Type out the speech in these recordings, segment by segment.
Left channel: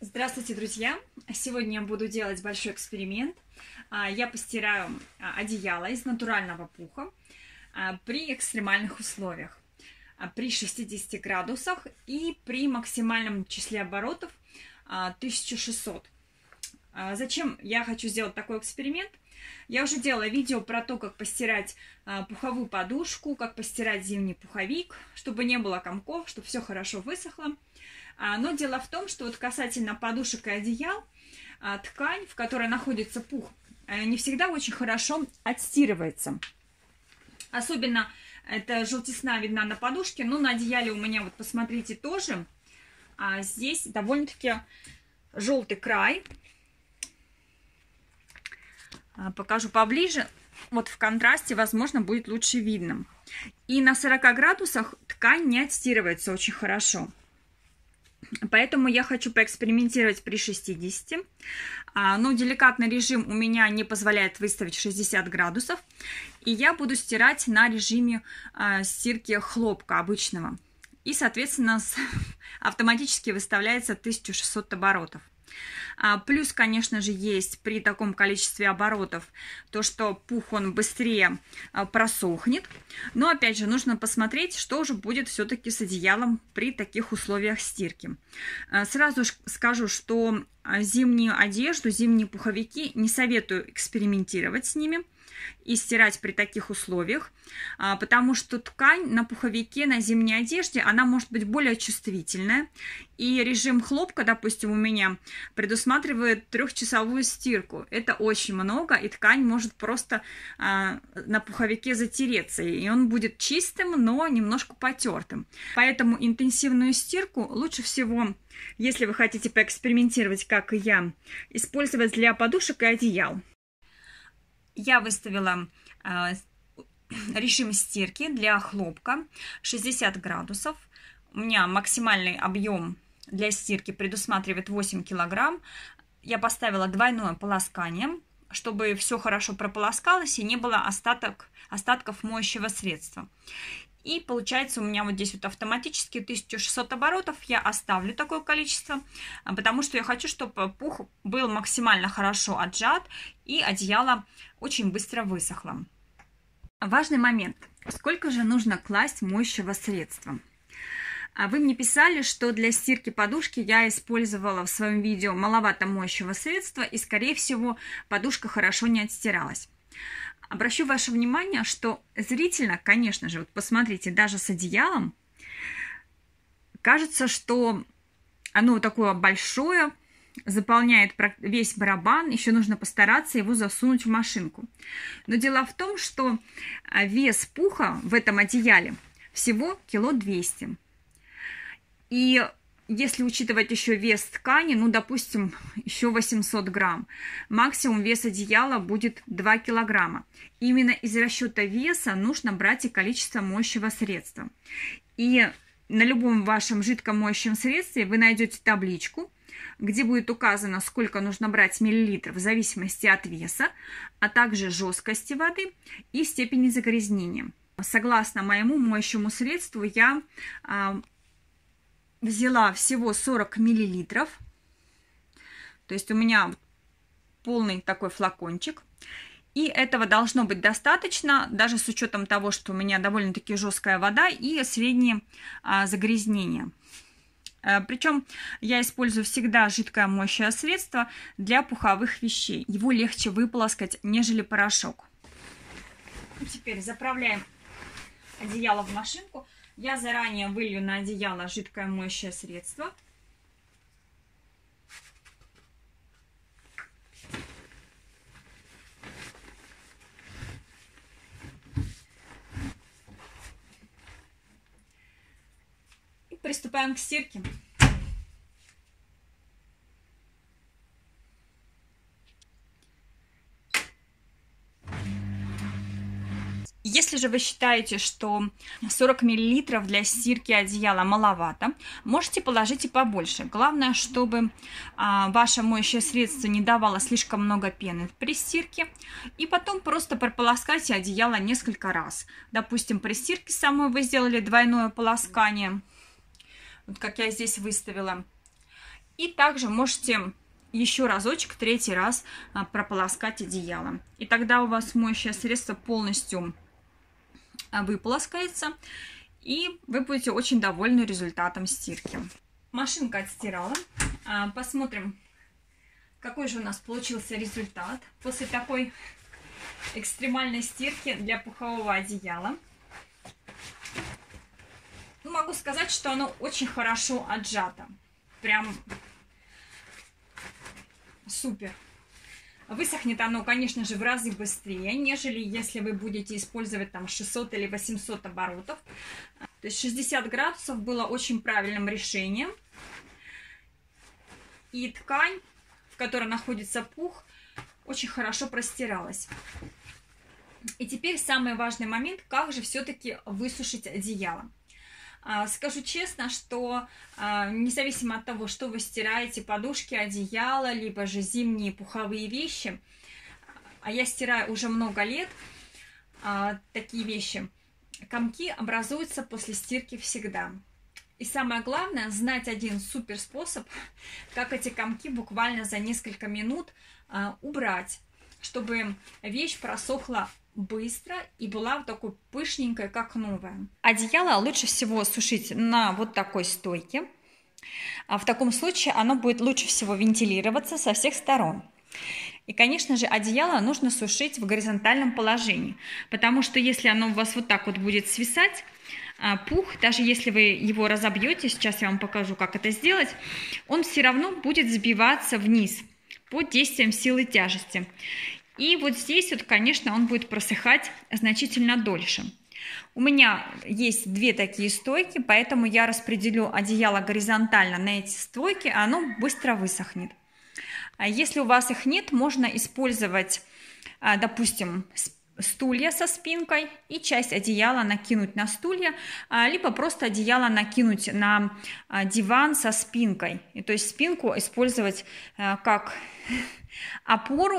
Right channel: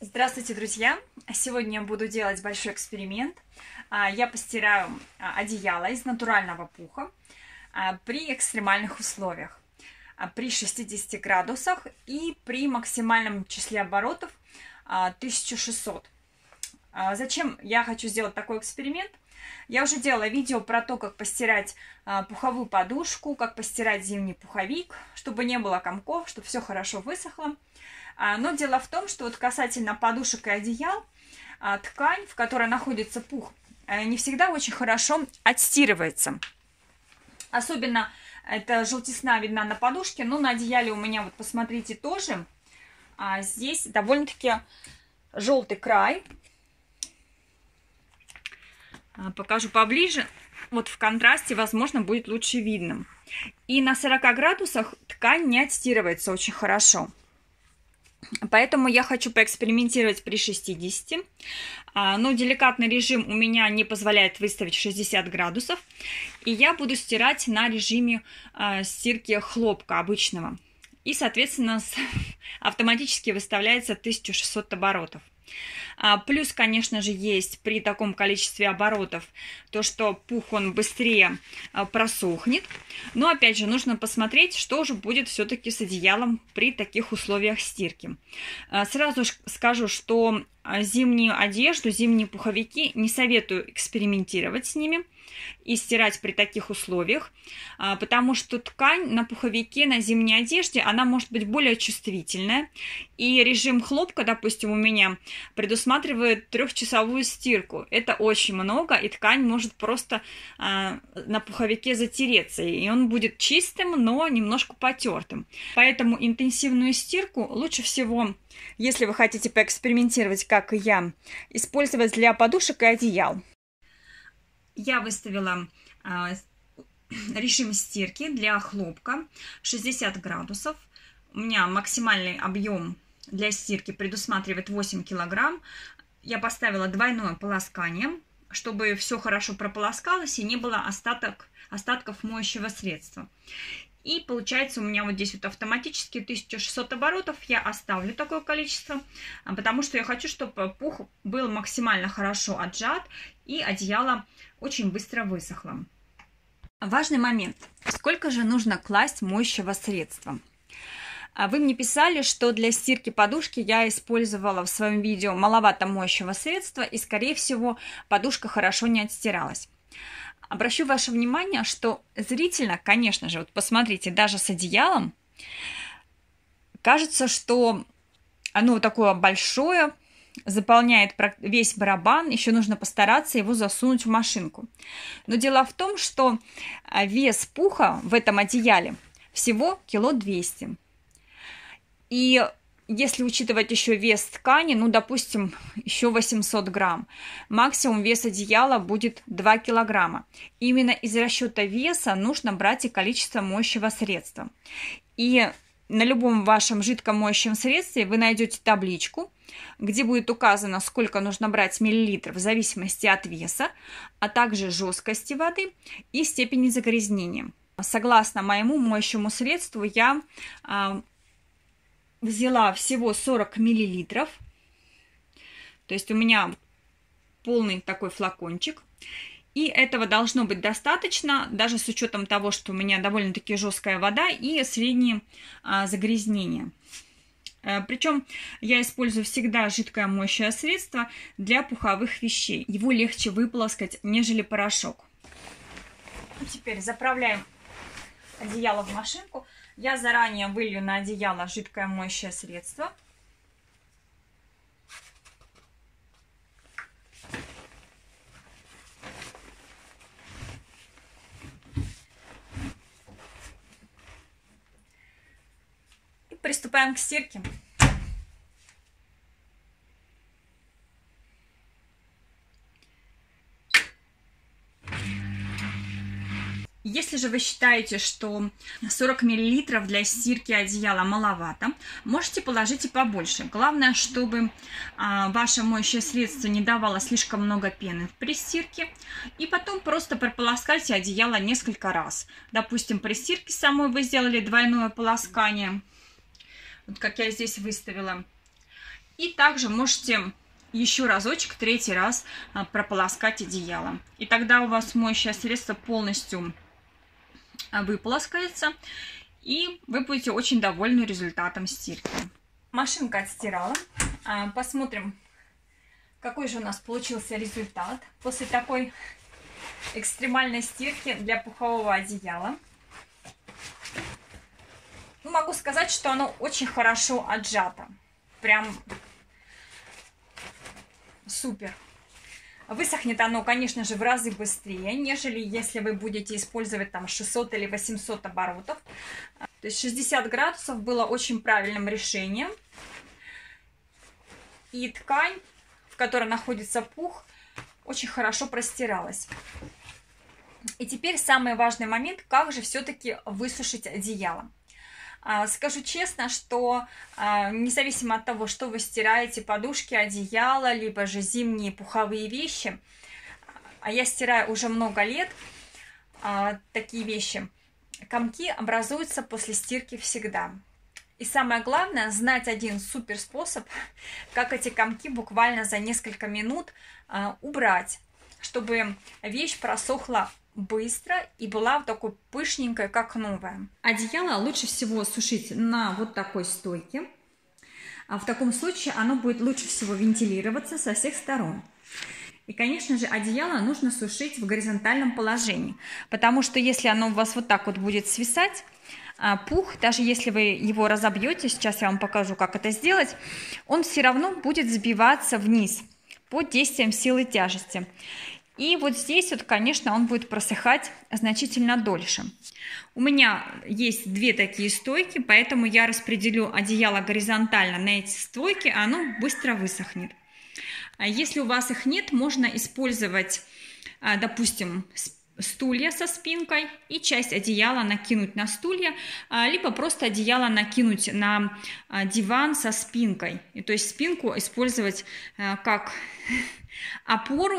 Здравствуйте, друзья! Сегодня я буду делать большой эксперимент. Я постираю одеяло из натурального пуха при экстремальных условиях, при 60 градусах и при максимальном числе оборотов 1600. Зачем я хочу сделать такой эксперимент? Я уже делала видео про то, как постирать пуховую подушку, как постирать зимний пуховик, чтобы не было комков, чтобы все хорошо высохло. Но дело в том, что вот касательно подушек и одеял, ткань, в которой находится пух, не всегда очень хорошо отстирывается. Особенно эта желтизна видна на подушке, но на одеяле у меня, вот посмотрите, тоже. Здесь довольно-таки желтый край. Покажу поближе. Вот в контрасте, возможно, будет лучше видно. И на 40 градусах ткань не отстирывается очень хорошо. Поэтому я хочу поэкспериментировать при 60. Но деликатный режим у меня не позволяет выставить 60 градусов. И я буду стирать на режиме стирки хлопка обычного. И, соответственно, автоматически выставляется 1600 оборотов. Плюс, конечно же, есть при таком количестве оборотов то, что пух он быстрее просохнет. Но, опять же, нужно посмотреть, что же будет все-таки с одеялом при таких условиях стирки. Сразу скажу, что зимнюю одежду, зимние пуховики не советую экспериментировать с ними и стирать при таких условиях, потому что ткань на пуховике, на зимней одежде, она может быть более чувствительная. И режим хлопка, допустим, у меня предусматривает 3-часовую стирку. Это очень много, и ткань может просто на пуховике затереться. И он будет чистым, но немножко потертым. Поэтому интенсивную стирку лучше всего, если вы хотите поэкспериментировать, как и я, использовать для подушек и одеял. Я выставила режим стирки для хлопка 60 градусов. У меня максимальный объем для стирки предусматривает 8 килограмм. Я поставила двойное полоскание, чтобы все хорошо прополоскалось и не было остатков моющего средства. И получается у меня вот здесь вот автоматически 1600 оборотов. Я оставлю такое количество, потому что я хочу, чтобы пух был максимально хорошо отжат и одеяло очень быстро высохло. Важный момент. Сколько же нужно класть моющего средства? Вы мне писали, что для стирки подушки я использовала в своем видео маловато моющего средства и, скорее всего, подушка хорошо не отстиралась. Обращу ваше внимание, что зрительно, конечно же, вот посмотрите, даже с одеялом, кажется, что оно такое большое, заполняет весь барабан, еще нужно постараться его засунуть в машинку. Но дело в том, что вес пуха в этом одеяле всего 200 кг. И если учитывать еще вес ткани, ну, допустим, еще 800 грамм, максимум вес одеяла будет 2 килограмма. Именно из расчета веса нужно брать и количество моющего средства. И на любом вашем жидком моющем средстве вы найдете табличку, где будет указано, сколько нужно брать миллилитров в зависимости от веса, а также жесткости воды и степени загрязнения. Согласно моему моющему средству, я взяла всего 40 миллилитров, то есть у меня полный такой флакончик, и этого должно быть достаточно, даже с учетом того, что у меня довольно-таки жесткая вода и средние загрязнения. Причем я использую всегда жидкое моющее средство для пуховых вещей. Его легче выполоскать, нежели порошок. Теперь заправляем одеяло в машинку. Я заранее вылью на одеяло жидкое моющее средство. И приступаем к стирке. Если же вы считаете, что 40 мл для стирки одеяла маловато, можете положить и побольше. Главное, чтобы ваше моющее средство не давало слишком много пены при стирке. И потом просто прополоскайте одеяло несколько раз. Допустим, при стирке самой вы сделали двойное полоскание, вот как я здесь выставила. И также можете еще разочек, третий раз прополоскать одеяло. И тогда у вас моющее средство полностью выполоскается, и вы будете очень довольны результатом стирки. Машинка отстирала. Посмотрим, какой же у нас получился результат после такой экстремальной стирки для пухового одеяла. Могу сказать, что оно очень хорошо отжато. Прям супер. Высохнет оно, конечно же, в разы быстрее, нежели если вы будете использовать там 600 или 800 оборотов. То есть 60 градусов было очень правильным решением. И ткань, в которой находится пух, очень хорошо простиралась. И теперь самый важный момент, как же все-таки высушить одеяло. Скажу честно, что независимо от того, что вы стираете, подушки, одеяло, либо же зимние пуховые вещи, а я стираю уже много лет такие вещи, комки образуются после стирки всегда. И самое главное, знать один супер способ, как эти комки буквально за несколько минут убрать, чтобы вещь просохла быстро и была такой пышненькой, как новая. Одеяло лучше всего сушить на вот такой стойке. В таком случае оно будет лучше всего вентилироваться со всех сторон. И, конечно же, одеяло нужно сушить в горизонтальном положении, потому что если оно у вас вот так вот будет свисать, пух, даже если вы его разобьете, сейчас я вам покажу, как это сделать, он все равно будет сбиваться вниз под действием силы тяжести. И вот здесь вот, конечно, он будет просыхать значительно дольше. У меня есть две такие стойки, поэтому я распределю одеяло горизонтально на эти стойки, а оно быстро высохнет. Если у вас их нет, можно использовать, допустим, стулья со спинкой и часть одеяла накинуть на стулья, либо просто одеяло накинуть на диван со спинкой. И то есть спинку использовать как опору.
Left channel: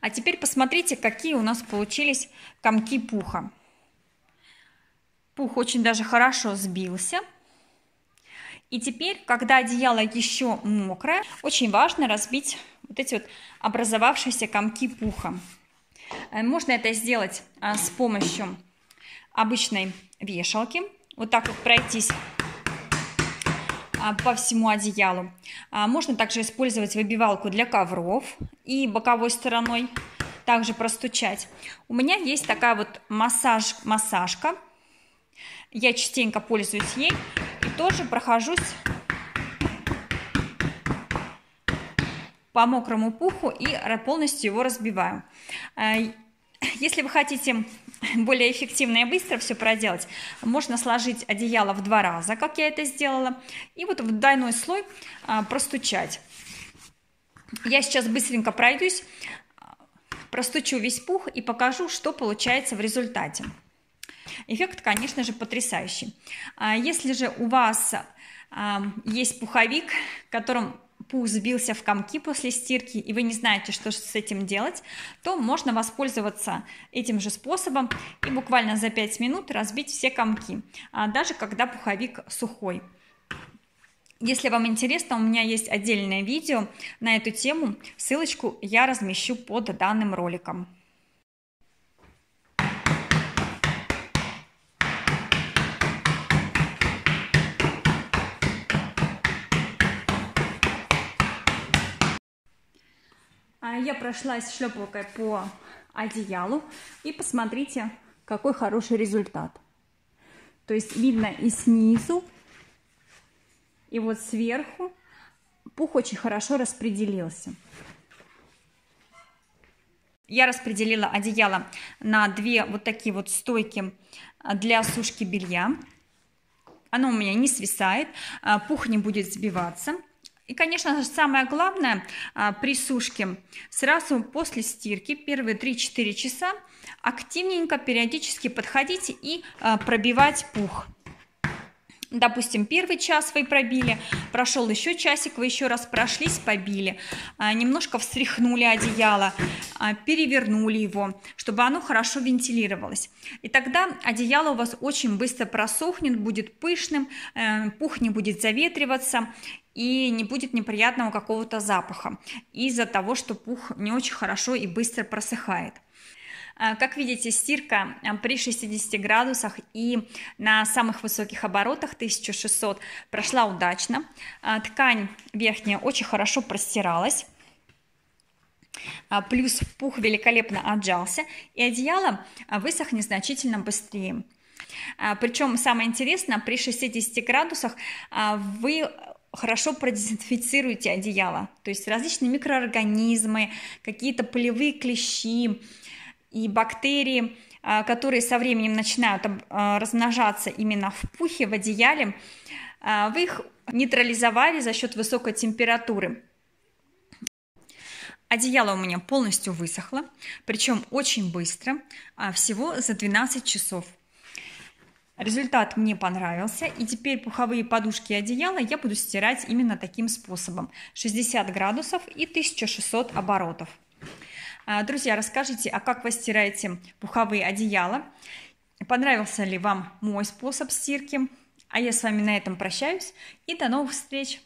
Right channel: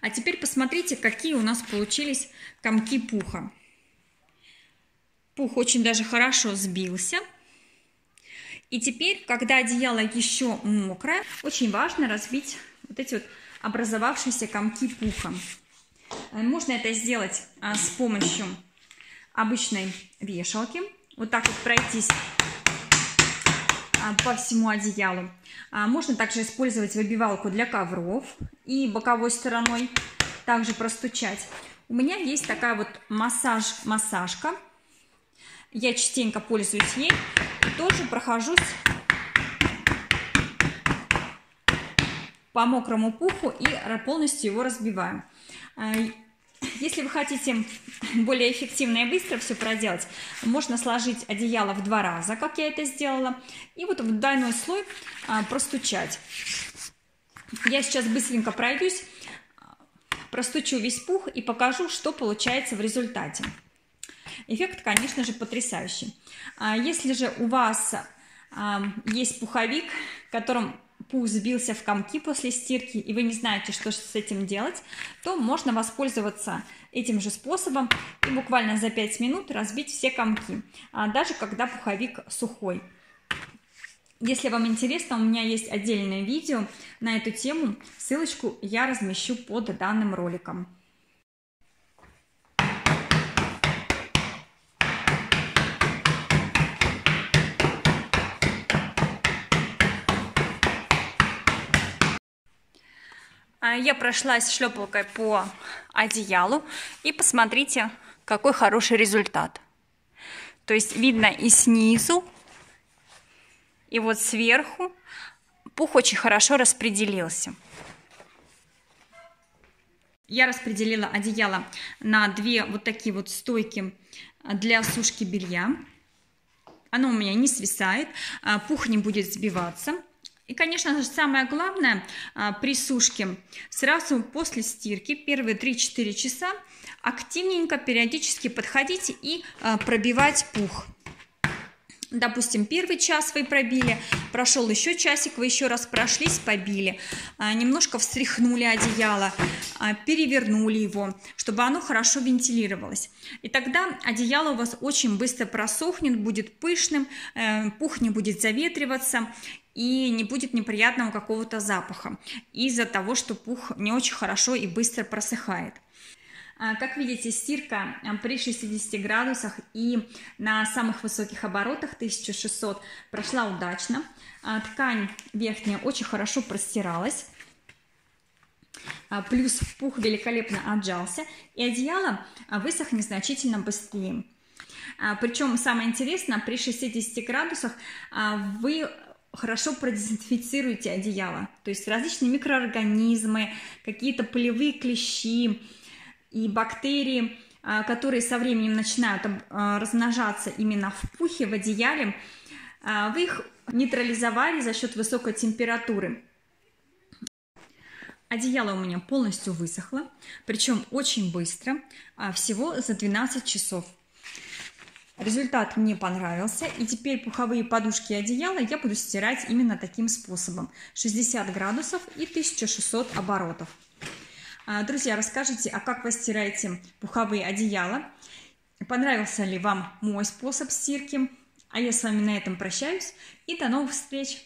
А теперь посмотрите, какие у нас получились комки пуха. Пух очень даже хорошо сбился. И теперь, когда одеяло еще мокрое, очень важно разбить вот эти вот образовавшиеся комки пуха. Можно это сделать с помощью обычной вешалки. Вот так вот пройтись по всему одеялу. Можно также использовать выбивалку для ковров и боковой стороной также простучать. У меня есть такая вот массажка. Я частенько пользуюсь ей и тоже прохожусь по мокрому пуху и полностью его разбиваю. Если вы хотите более эффективно и быстро все проделать, можно сложить одеяло в 2 раза, как я это сделала, и вот в двойной слой простучать. Я сейчас быстренько пройдусь, простучу весь пух и покажу, что получается в результате. Эффект, конечно же, потрясающий. Если же у вас есть пуховик, которым пух сбился в комки после стирки, и вы не знаете, что с этим делать, то можно воспользоваться этим же способом и буквально за 5 минут разбить все комки, даже когда пуховик сухой. Если вам интересно, у меня есть отдельное видео на эту тему, ссылочку я размещу под данным роликом. Я прошлась шлепалкой по одеялу и посмотрите, какой хороший результат. То есть видно и снизу, и вот сверху пух очень хорошо распределился. Я распределила одеяло на 2 вот такие вот стойки для сушки белья. Оно у меня не свисает, пух не будет сбиваться. И, конечно, самое главное при сушке, сразу после стирки, первые 3-4 часа, активненько, периодически подходить и пробивать пух. Допустим, 1 час вы пробили, прошел еще часик, вы еще раз прошлись, побили, немножко встряхнули одеяло, перевернули его, чтобы оно хорошо вентилировалось. И тогда одеяло у вас очень быстро просохнет, будет пышным, пух не будет заветриваться, и не будет неприятного какого-то запаха из-за того, что пух не очень хорошо и быстро просыхает. Как видите, стирка при 60 градусах и на самых высоких оборотах 1600 прошла удачно. Ткань верхняя очень хорошо простиралась. Плюс пух великолепно отжался, и одеяло высохнет значительно быстрее. Причем самое интересное, при 60 градусах вы хорошо продезинфицируете одеяло. То есть различные микроорганизмы, какие-то пылевые клещи и бактерии, которые со временем начинают размножаться именно в пухе, в одеяле, вы их нейтрализовали за счет высокой температуры. Одеяло у меня полностью высохло, причем очень быстро, всего за 12 часов. Результат мне понравился, и теперь пуховые подушки и одеяла я буду стирать именно таким способом. 60 градусов и 1600 оборотов. Друзья, расскажите, а как вы стираете пуховые одеяла? Понравился ли вам мой способ стирки? А я с вами на этом прощаюсь, и до новых встреч!